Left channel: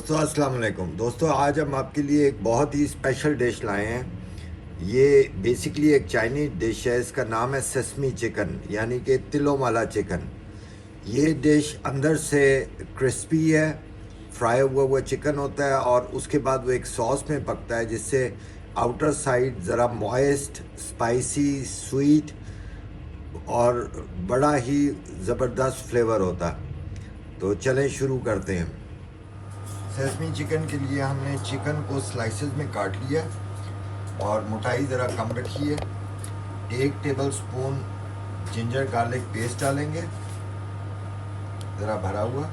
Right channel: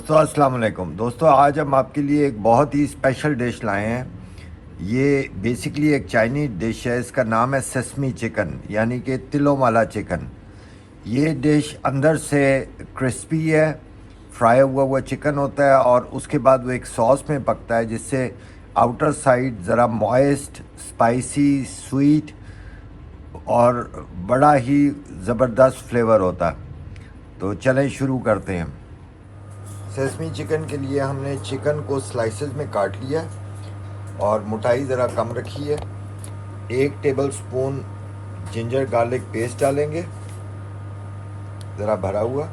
दोस्तों अस्सलाम वालेकुम। दोस्तों आज हम आपके लिए एक बहुत ही स्पेशल डिश लाए हैं। ये बेसिकली एक चाइनीज़ डिश है। इसका नाम है सेसमी चिकन, यानी कि तिलों वाला चिकन। ये डिश अंदर से क्रिस्पी है, फ्राई हुआ हुआ चिकन होता है और उसके बाद वो एक सॉस में पकता है जिससे आउटर साइड ज़रा मॉइस्ट, स्पाइसी, स्वीट और बड़ा ही ज़बरदस्त फ्लेवर होता है। तो चलें शुरू करते हैं। सेसमी चिकन के लिए हमने चिकन को स्लाइसेस में काट लिया और मोटाई ज़रा कम रखी है। 1 tablespoon ginger garlic paste डालेंगे, ज़रा भरा हुआ।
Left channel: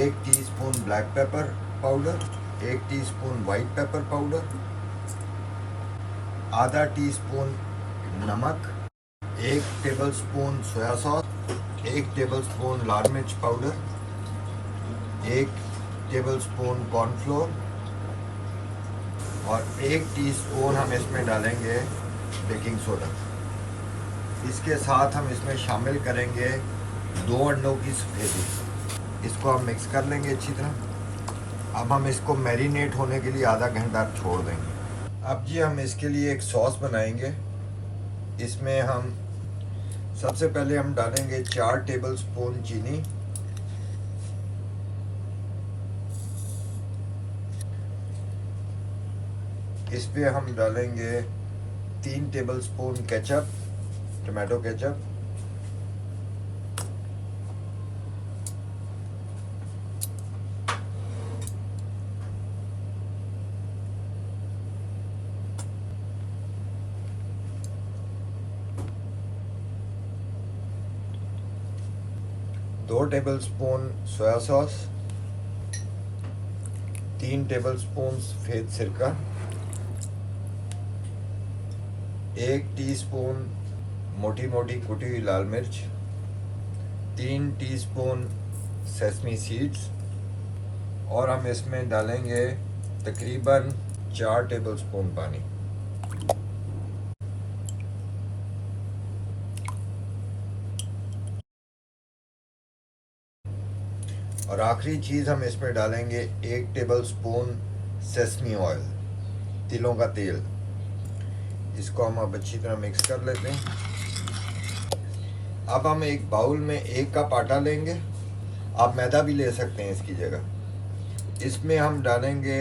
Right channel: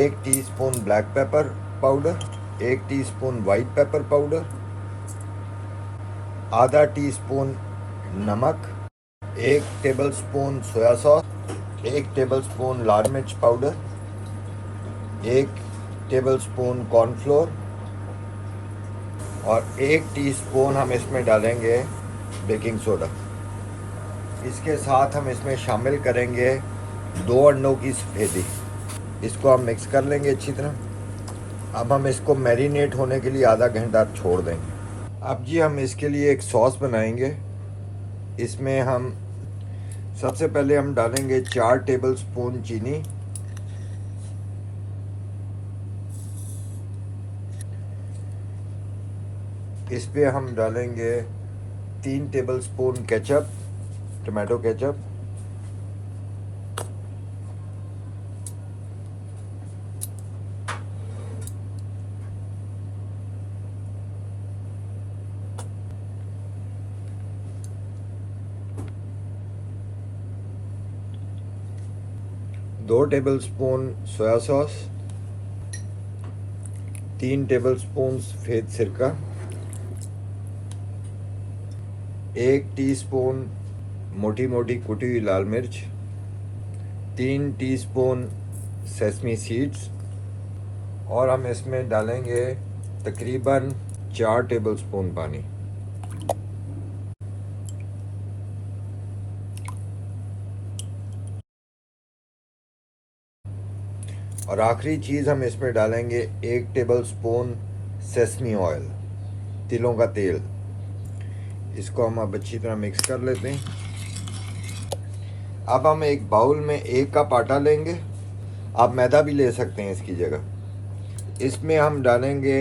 1 teaspoon black pepper powder, 1 teaspoon white pepper powder, आधा टीस्पून नमक, 1 tablespoon soy sauce, 1 tablespoon लाल मिर्च पाउडर, 1 टेबल स्पून कॉर्नफ्लोर और 1 टीस्पून हम इसमें डालेंगे बेकिंग सोडा। इसके साथ हम इसमें शामिल करेंगे 2 अंडों की सफेदी। इसको हम मिक्स कर लेंगे अच्छी तरह। अब हम इसको मैरिनेट होने के लिए आधा घंटा छोड़ देंगे। अब जी हम इसके लिए एक सॉस बनाएंगे। इसमें हम सबसे पहले हम डालेंगे 4 टेबल स्पून चीनी, इस पे हम डालेंगे 3 tablespoon ketchup, tomato ketchup, दो tablespoon soy sauce, 3 tablespoon सफ़ेद सिरका, 1 टीस्पून मोटी मोटी कुटी हुई लाल मिर्च, 3 टीस्पून सेसमी सीड्स और हम इसमें डालेंगे तकरीबन 4 टेबल स्पून पानी। और आखिरी चीज़ हम इसमें डालेंगे 1 टेबल स्पून सेसमी ऑयल, तिलों का तेल। इसको हम अब अच्छी तरह मिक्स कर लेते हैं। अब हम एक बाउल में 1 कप आटा लेंगे, आप मैदा भी ले सकते हैं इसकी जगह। इसमें हम डालेंगे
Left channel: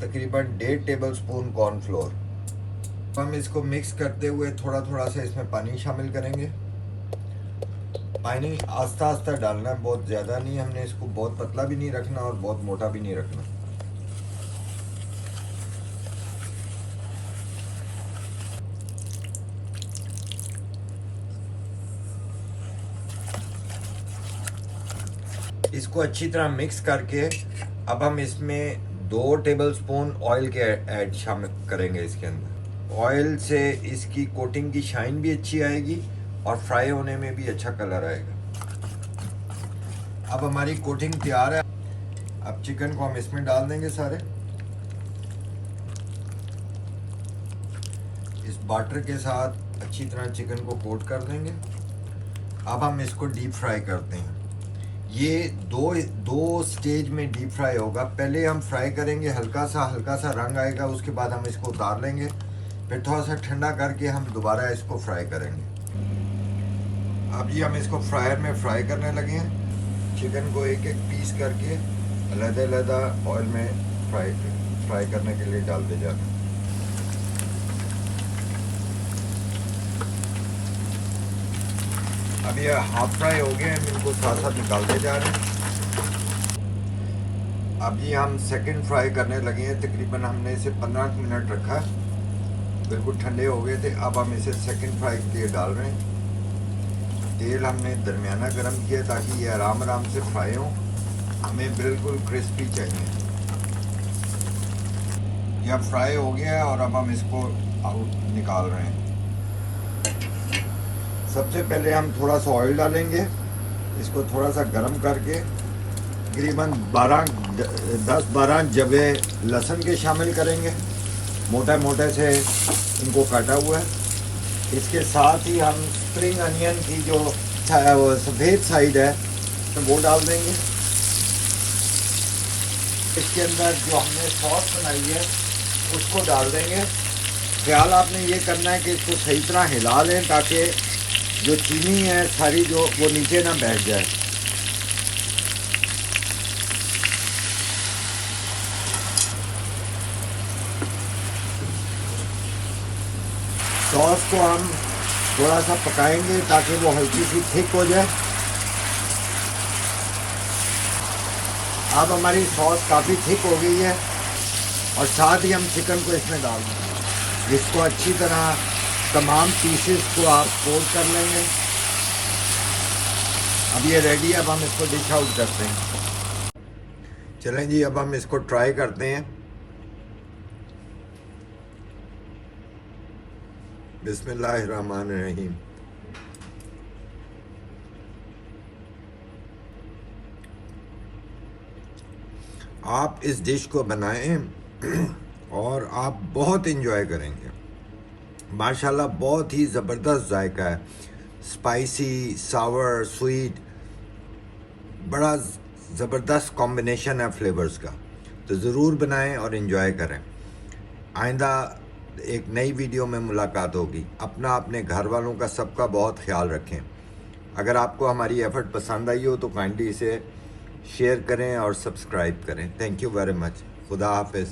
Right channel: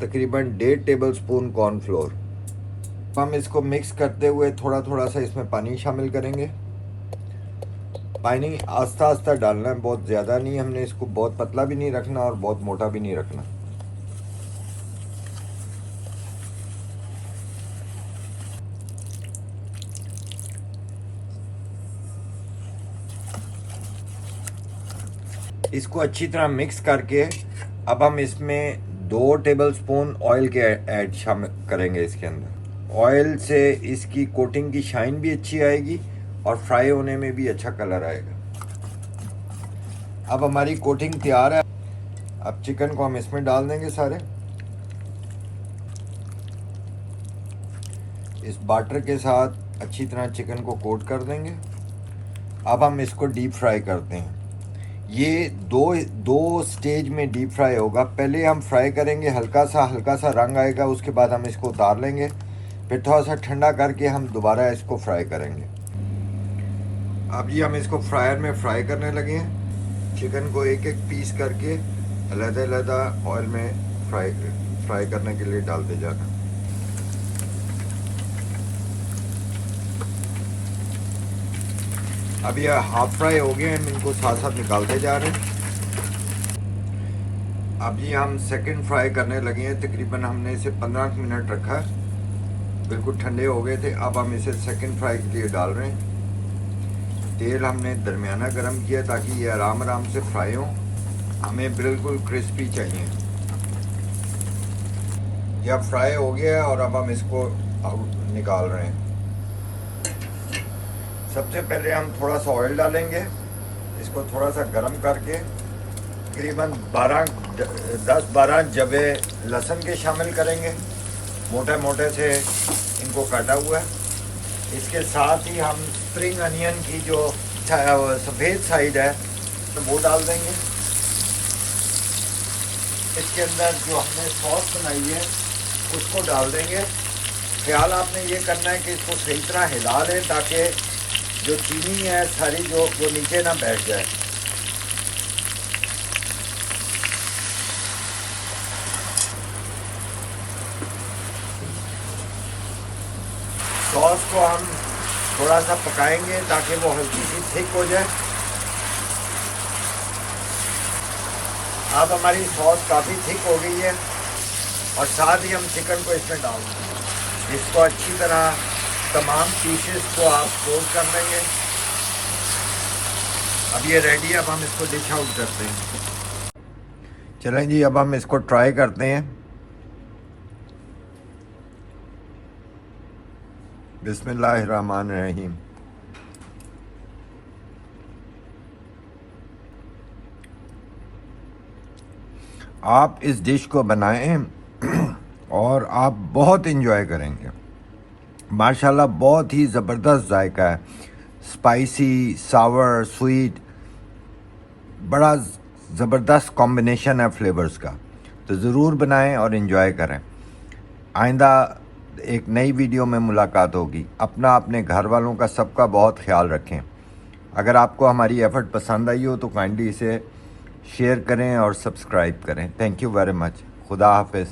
तकरीबन 1.5 टेबल स्पून कॉर्नफ्लोर। हम इसको मिक्स करते हुए थोड़ा थोड़ा सा इसमें पानी शामिल करेंगे। पानी आस्ता आस्ता डालना है, बहुत ज़्यादा नहीं। हमने इसको बहुत पतला भी नहीं रखना और बहुत मोटा भी नहीं रखना। इसको अच्छी तरह मिक्स करके अब हम इसमें 2 टेबल स्पून ऑयल के ऐड शामिल करेंगे इसके अंदर। ऑयल से इसकी कोटिंग की शाइन भी अच्छी आएगी और फ्राई होने में भी अच्छा कलर आएगा। अब हमारी कोटिंग तैयार है। अब चिकन को हम इसमें डाल देंगे सारे। इस बाटर के साथ अच्छी तरह चिकन को कोट कर देंगे। अब हम इसको डीप फ्राई करते हैं। ये दो स्टेज में डीप फ्राई होगा। पहले हम फ्राई करेंगे, हल्का सा रंग आएगा, उसके बाद हम इसको उतार लेंगे। फिर थोड़ा सा ठंडा करके हम दोबारा इसको फ्राई करेंगे। अब ये हम इसको फ्रायर में फ्राई करने लगे हैं। चिकन को एक एक पीस करके अलग-अलग ऑयल में फ्राई करने के लिए डालते जाना। अब ये हाफ फ्राई हो गए हैं, इनको साथ साथ निकालते जा रहे हैं। अब ये हम सेकंड फ्राई करने लगे हैं। तकरीबन हमने इसे 15 मिनट रखा है, बिल्कुल ठंडे हो गए थे। अब हम इसे सेकंड फ्राई के लिए डाल रहे हैं। तेल हमने दरमियाना गर्म किया ताकि ये आराम से फ्राई हो। हमें बिल्कुल क्रिस्पी चाहिए। यह फ्राई हो गया है और अब हम इसको आउट निकाल रहे हैं। सबसे पहले हम थोड़ा सा ऑयल डालेंगे, इसको थोड़ा सा गर्म करके तकरीबन 10-12 जबे लहसुन के शामिल करेंगे, मोटे मोटे से इनको काटा हुआ है। इसके साथ ही हम स्प्रिंग अनियन की जो सफ़ेद साइड है वो डाल देंगे। इसके अंदर जो हमने सॉस बनाई है उसको डाल देंगे। ख्याल आपने ये करना है कि इसको सही तरह हिला लें ताकि जो चीनी है सारी जो वो नीचे ना बैठ जाए। सॉस को हम थोड़ा सा पकाएंगे ताकि वो हल्की सी थिक हो जाए। अब हमारी सॉस काफ़ी थिक हो गई है और साथ ही हम चिकन को इसमें डाल देंगे, जिसको अच्छी तरह तमाम पीसेस को आप फोल्ड कर लेंगे। अब ये रेडी है, अब हम इसको डिश आउट करते हैं। चलें जी, अब हम इसको ट्राई करते हैं। बिस्मिल्लाहिर्रहमानिर्रहीम। आप इस डिश को बनाएं और आप बहुत इन्जॉय करेंगे। माशाल्लाह बहुत ही ज़बरदस्त जायका है, स्पाइसी, सावर, स्वीट, बड़ा ज़बरदस्त कॉम्बिनेशन है फ्लेवर्स का। तो ज़रूर बनाएं और इन्जॉय करें। आइंदा एक नई वीडियो में मुलाकात होगी। अपना, अपने घर वालों का, सबका बहुत ख्याल रखें। अगर आपको हमारी एफ़र्ट पसंद आई हो तो काइंडली इसे शेयर करें और सब्सक्राइब करें। Thank you very much. खुदा हाफिज़।